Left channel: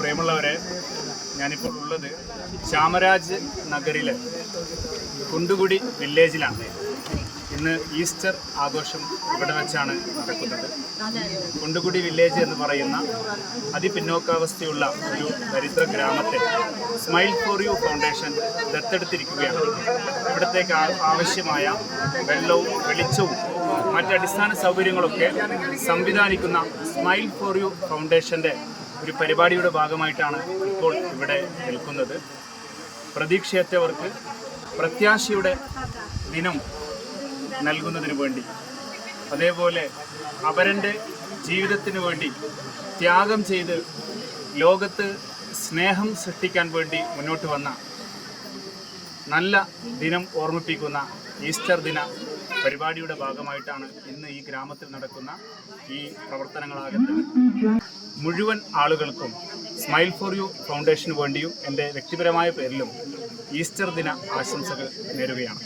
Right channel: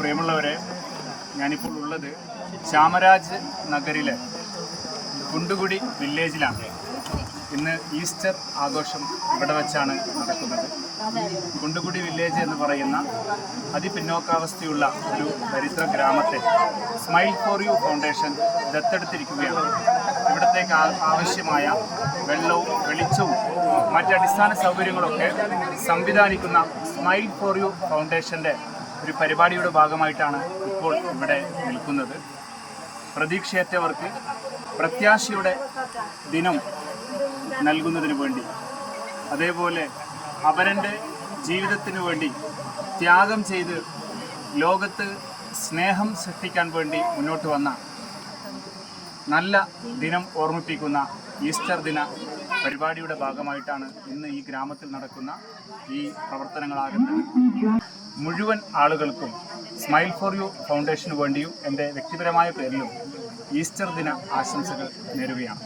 പ്രിയമുള്ളവരെ, ഞാനിപ്പോൾ ഉള്ളത് ചാമരാജ് നഗറിലെ കുണ്ടുകുടി വില്ലേജിലാണ്. ഇന്ന് ഈസ്റ്റർ ആഘോഷം ഇവിടെ വെച്ചാണ് നടക്കുന്നത്. കുണ്ടുകുടി വില്ലേജ് എന്ന് പറയുന്ന അതിപിന്നോക്കാവസ്ഥയുള്ള ഒരു ദരിദ്ര ഗ്രാമത്തെ സ്മൈൽ ഫോർ യു ഫൗണ്ടേഷൻ ദത്തെടുത്തിരിക്കുകയാണ്. ഇവിടത്തേക്ക് ആവശ്യമായ വെള്ളവും വെളിച്ചവും മറ്റടിസ്ഥാന സൗകര്യങ്ങളൊക്കെ സംവിധാനിക്കുന്ന സ്മൈൽ ഫോർ യു ഫൗണ്ടേഷൻ്റെ ഒരു പരിപാടിയുടെ ഭാഗമായിട്ടാണ് ഇപ്പോൾ ഇവിടെ നിൽക്കുന്നത്. പ്രതീക്ഷയറ്റവർക്ക് പ്രത്യാശയുടെ ദിനം നൽകുന്നതിന് വേണ്ടി, അതേപോലെ അവരുടെ ജീവിതത്തിന് വേണ്ടി ത്യാഗം ചെയ്ത് ലോകത്ത് സ്നേഹം സൃഷ്ടിക്കാൻ വേണ്ടി മുന്നോട്ട് വന്ന നല്ല ദിനം ഓർമ്മിപ്പിക്കുന്ന ഈസ്റ്റർ ദിന പരിപാടിയുടെ ഭാഗമായിട്ടാണ് ഇന്ന് ഈ ഗ്രാമത്തിൽ നടക്കുന്ന ഈ പ്രവർത്തനങ്ങളാകുന്നത്. മുഴുവൻ ആളുകൾക്കും സ്മൈൽ ഫോർ യു ഫൗണ്ടേഷന് വേണ്ടിയും എൻ്റെ വ്യക്തിപരമായ പേരിലും ഈസ്റ്റർ ദിന ആശംസകൾ നേരുകയാണ്.